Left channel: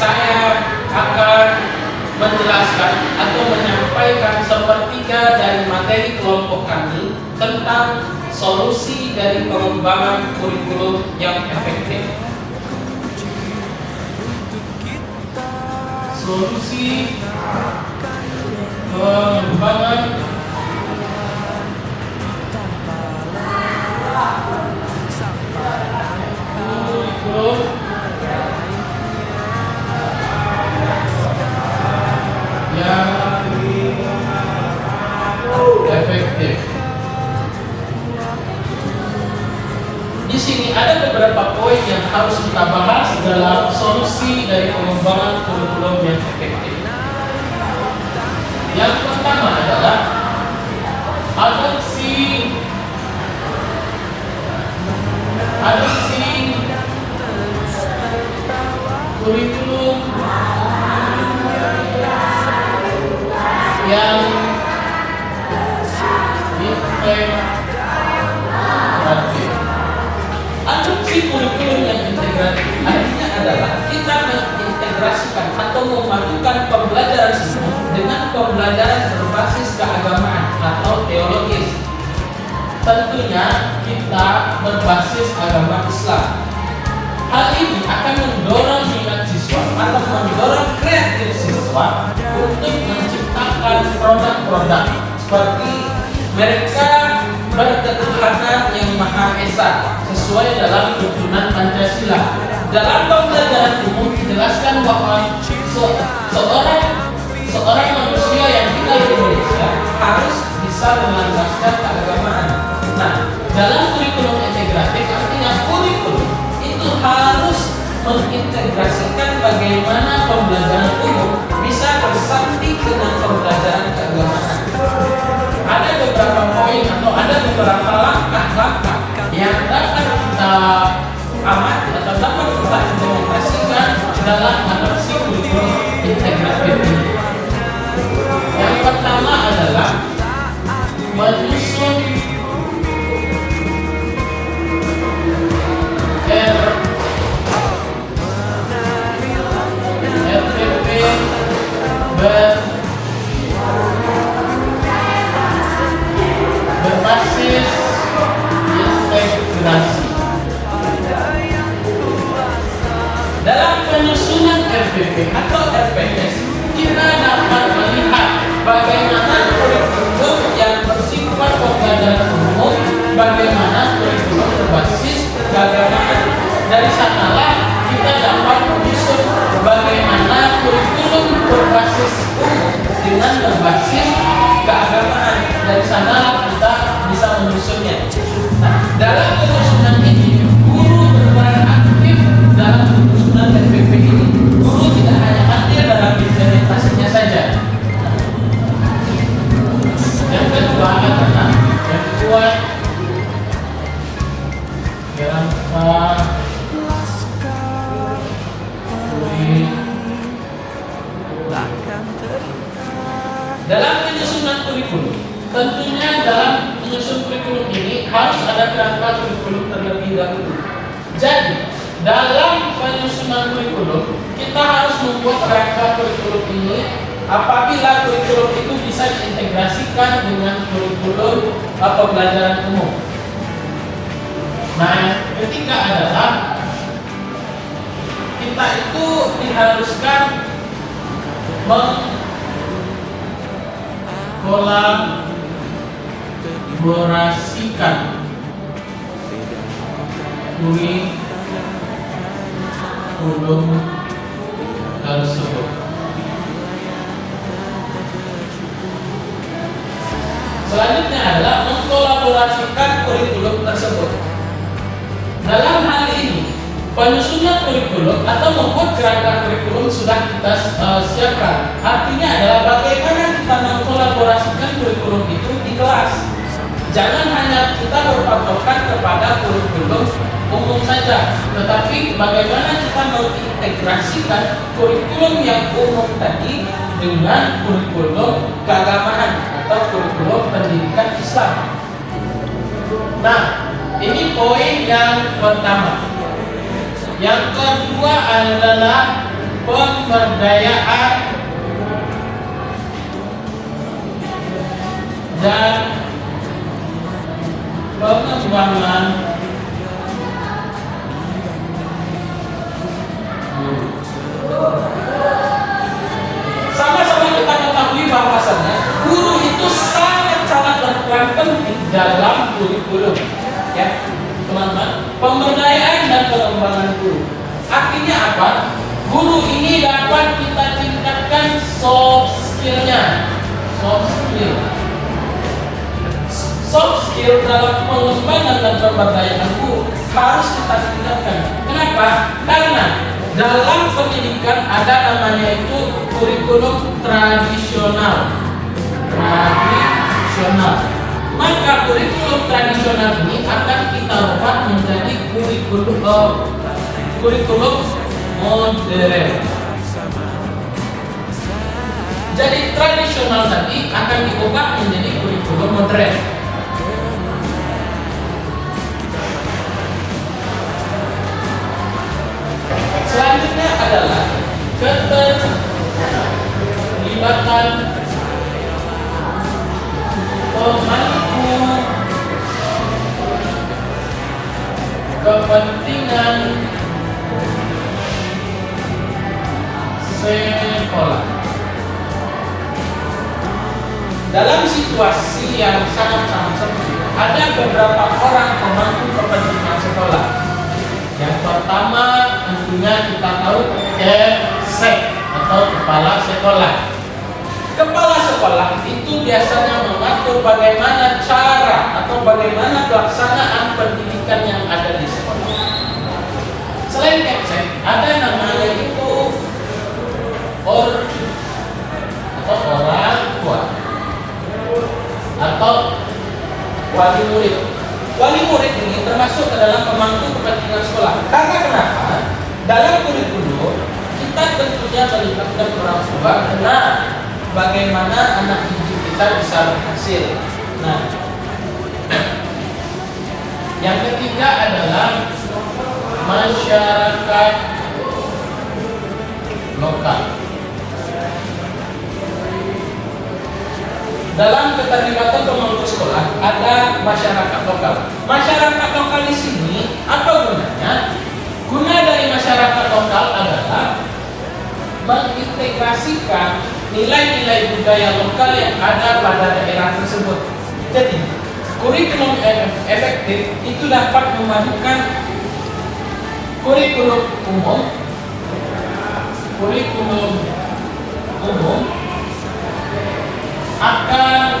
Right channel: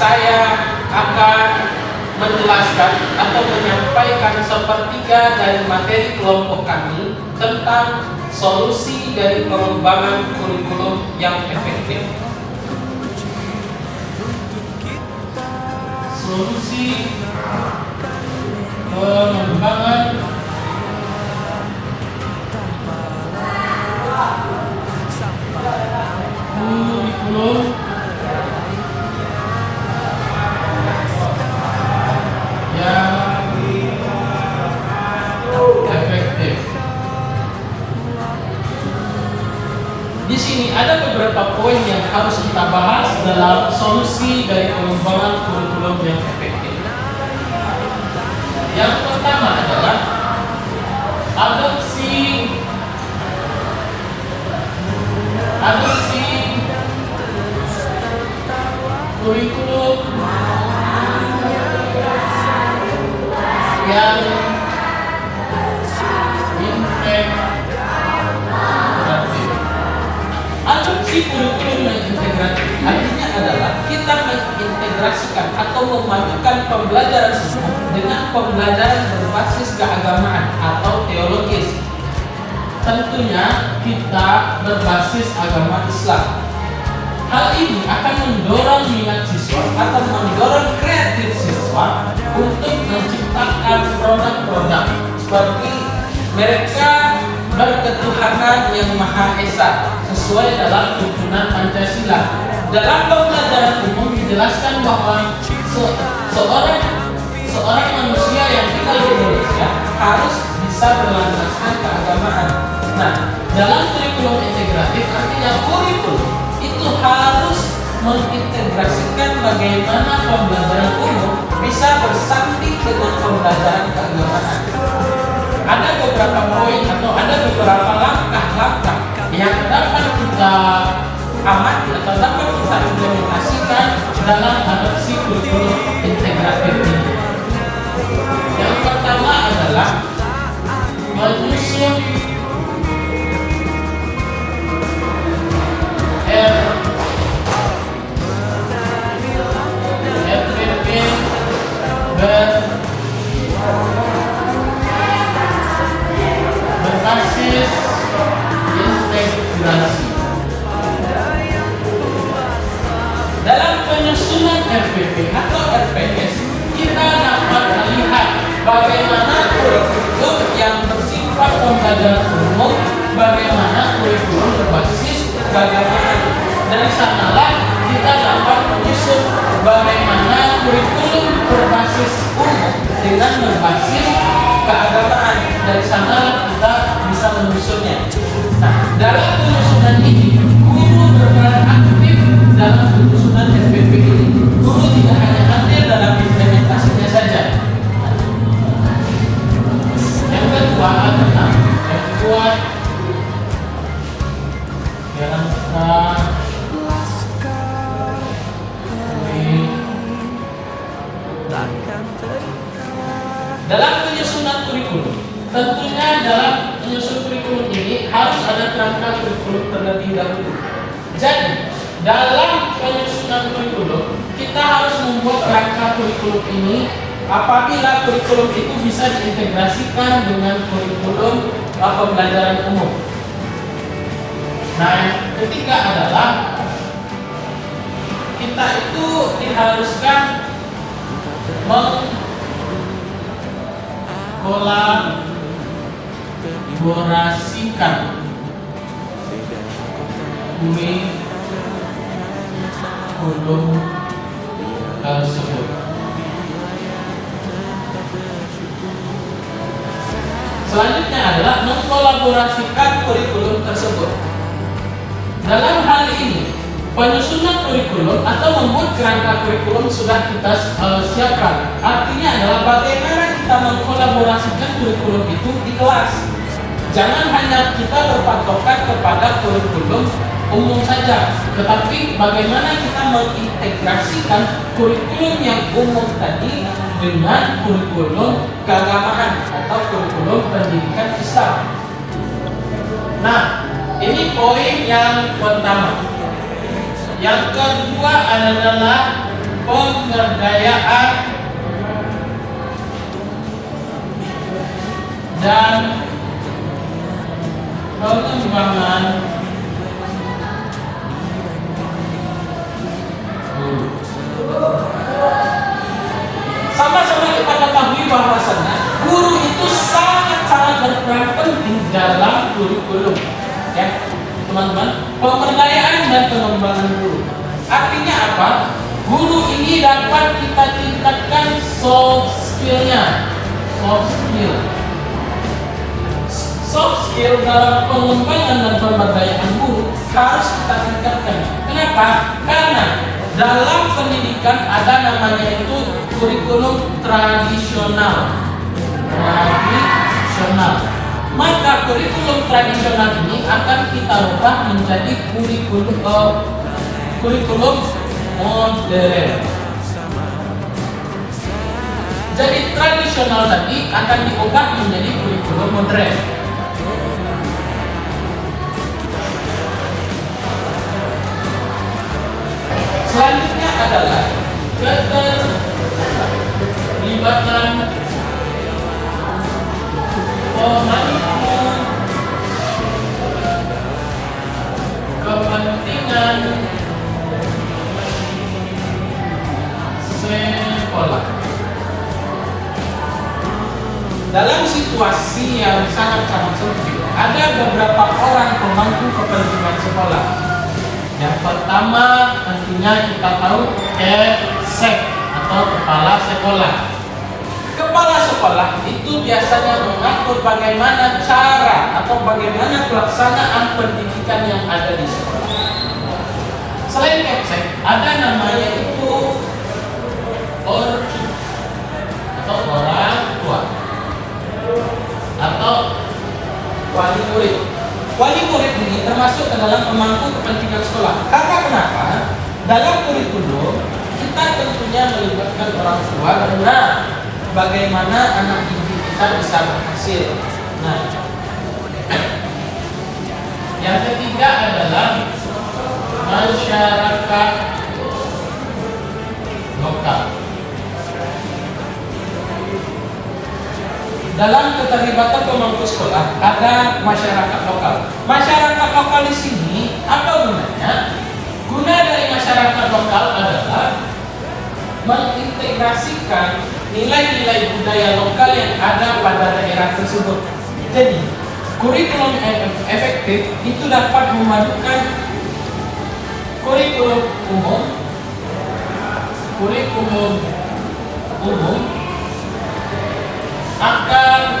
saya akan menjelaskan atau menyampaikan sepertiga dari materi kelompok kami tentang solusi dari pengembangan kurikulum yang efektif. Solusi pengembangan kurikulum yang efektif. Di sini ada beberapa poin yang harus kita bahas dalam solusi dari pengembangan kurikulum yang efektif. Yang pertama adalah adopsi kurikulum yang integratif. Adopsi kurikulum yang integratif artinya adalah kita mengintegrasikan atau memadukan pembelajaran dengan pembelajaran berbasis keagamaan atau teologis. Tentunya kita berbasis agama Islam. Hal ini akan mendorong minat siswa atau mendorong kreatif siswa untuk menciptakan produk-produk seperti mereka berketuhanan yang Maha Esa sesuai dalam tuntunan Pancasila. Dalam pembelajaran umum dijelaskan bahwa seorang manusia yang tinggal di Indonesia harus bisa melandaskan keagamaan. Nah, dalam kurikulum integratif artinya kurikulum itu harus mengintegrasikan bagaimana pembelajaran umum bisa bersambung dengan pembelajaran keagamaan. Ada beberapa poin atau ada beberapa langkah-langkah yang dapat kita amati atau dapat kita implementasikan dalam adopsi kurikulum integratif ini. Yang pertama adalah menyusun berbasis integrasi. Dalam penyusunan RPP atau RPS, kita dapat melihat bagaimana kurikulum yang bersifat pembelajaran umum, bagaimana kurikulum berbasis keagamaan. Dari sanalah kita dapat menyusun bagaimana kurikulum berbasis umum dengan berbasis keagamaan. Dari sanalah kita bisa menyusunnya. Nah, dalam penyusunan ini, guru berperan aktif dalam penyusunan RPP ini. Guru tidak hanya hadir dalam implementasinya saja. Yang kedua adalah yang kuat dalam dalam penyusunan kurikulum. Tentunya dalam menyusun kurikulum ini harus ada kerangka kurikulum terlebih dahulu. Jadi dalam penyusunan kurikulum kita harus membuat kerangka kurikulum ini. Apabila kurikulum itu bisa diintegrasikan dengan kurikulum pembelajaran umum. Nah, yang ketiga elaborasi kita itu diharuskan mengkolaborasikan kurikulum tersebut. Selanjutnya adalah mengkolaborasikan kurikulum tersebut. Dalam hal ini, penyusunan kurikulum atau membuat kerangka kurikulum sudah kita siapkan. Artinya adalah bagaimana kita mengkolaborasikan kurikulum itu di kelas. Jangan hanya kita berpatokan kepada kurikulum umum saja, tetapi bagaimana kita mengintegrasikan kurikulum yang umum tadi dengan kurikulum keagamaan atau kurikulum pendidikan Islam. Nah, ini poin yang pertama. Yang kedua adalah pemberdayaan dan pengembangan guru. Sama-sama kita ketahui bahwasannya guru itu sangat-sangat berperan penting dalam kurikulum, ya teman-teman. Pemberdayaan dan pengembangan guru artinya apa? Guru ini dapat kita tingkatkan soft skillnya. Soft skill dalam pengembangan dan pemberdayaan guru harus kita tingkatkan. Kenapa? Karena dalam pendidikan ada namanya itu kurikulum tradisional. Maka kurikulum tradisional ini akan kita ubah menjadi kurikulum modern. Jadi tradisional tadi akan diubah menjadi kurikulum modern. Selanjutnya adalah keterlibatan pemangku kepentingan sekolah. Dalam situasi yang sangat-sangat sempit, ada beberapa orang pemangku kepentingan sekolah. Yang pertama tentunya kita tahu KSEK atau kepala sekolah. Kepala sekolah itu biasanya mengatur bagaimana cara atau bagaimana pelaksanaan pendidikan yang ada di sekolah. Selain KSEK, ada namanya itu ORCID atau orang tua atau wali murid. Wali murid ini termasuk ke dalam pemangku kepentingan sekolah. Karena kenapa? Dalam kurikulum kita tentunya melibatkan orang tua dan bagaimana anak didik kita bisa berhasil. Nah, yang ketiga adalah masyarakat lokal. Dalam keterlibatan pemangku sekolah ada masyarakat lokal. Masyarakat lokal di sini apa gunanya? Guna dari masyarakat lokal adalah mengintegrasikan nilai-nilai budaya lokal yang ada pada daerah tersebut. Jadi, kurikulum efektif itu dapat memadukan kurikulum umum akan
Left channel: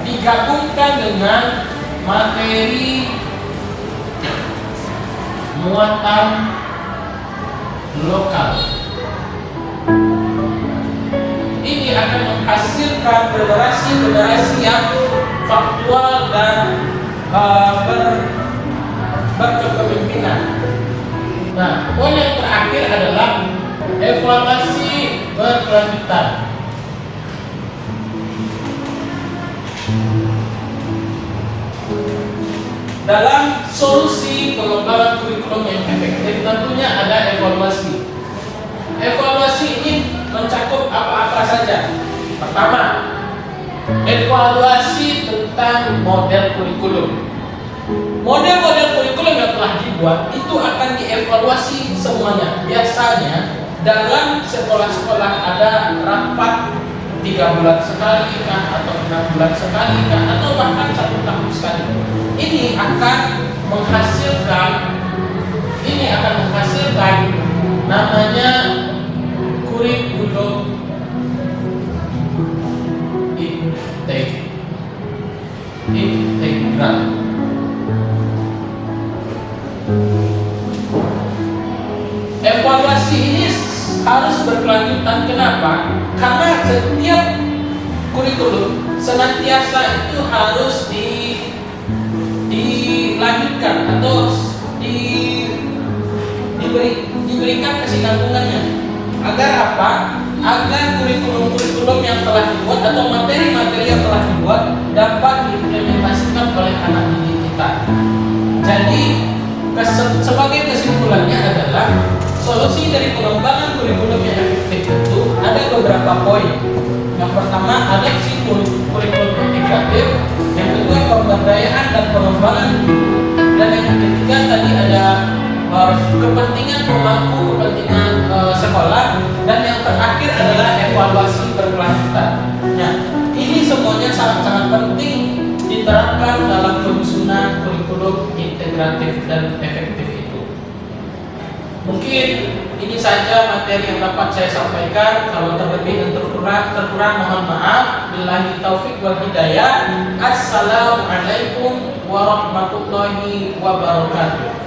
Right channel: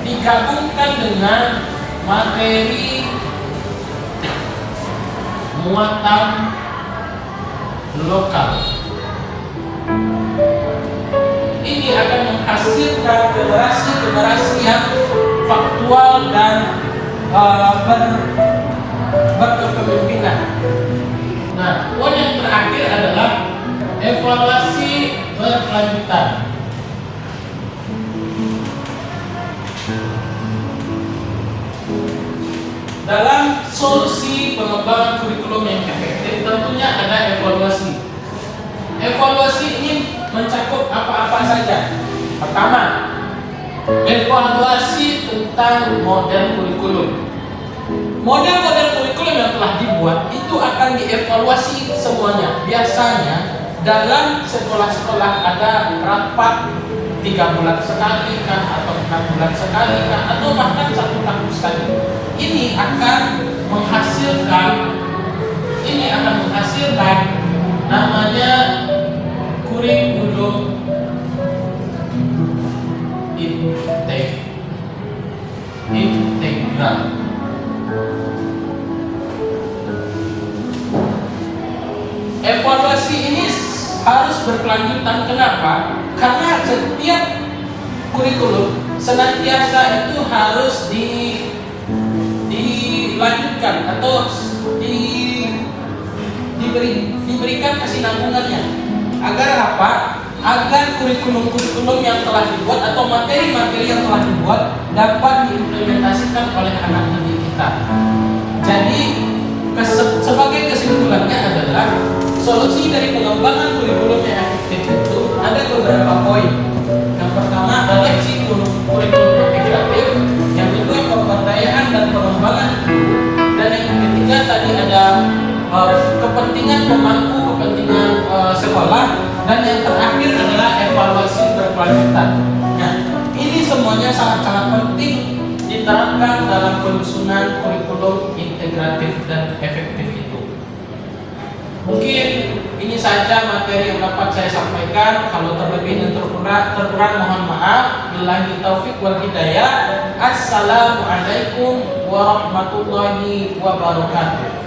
digabungkan dengan materi muatan lokal. Ini akan menghasilkan generasi yang faktual dan berkepemimpinan. Nah, poin yang terakhir adalah evaluasi berkelanjutan. Dalam solusi pengembangan kurikulum yang efektif tentunya ada evaluasi. Evaluasi ini mencakup apa-apa saja. Pertama, evaluasi tentang model kurikulum. Model-model kurikulum yang telah dibuat itu akan dievaluasi semuanya. Biasanya dalam sekolah-sekolah ada rapat 3 bulan sekali kah, atau 6 bulan sekali kah, atau bahkan 1 tahun sekali. Ini akan menghasilkan namanya kurikulum integral. Evaluasi ini harus berkelanjutan. Kenapa? Karena setiap kurikulum senantiasa itu harus dilanjutkan atau diberikan kesinambungannya. Agar apa? Agar kurikulum-kurikulum yang telah dibuat atau materi-materi yang telah dibuat dapat diimplementasikan oleh anak didik kita. Jadi sebagai kesimpulannya adalah solusi dari pengembangan kurikulum yang poin. Yang pertama ada di situ kurikulum integratif, yang kedua pemberdayaan dan pengembangan guru, dan yang ketiga tadi ada kepentingan pemangku kepentingan sekolah, dan yang terakhir adalah evaluasi berkelanjutan. Nah, ini semuanya sangat-sangat penting diterapkan dalam penyusunan kurikulum integratif dan efektif itu. Mungkin ini saja materi yang dapat saya sampaikan. Kalau terlebih dan terkurang mohon maaf. Billahi taufik wal hidayah. Assalamualaikum warahmatullahi wabarakatuh.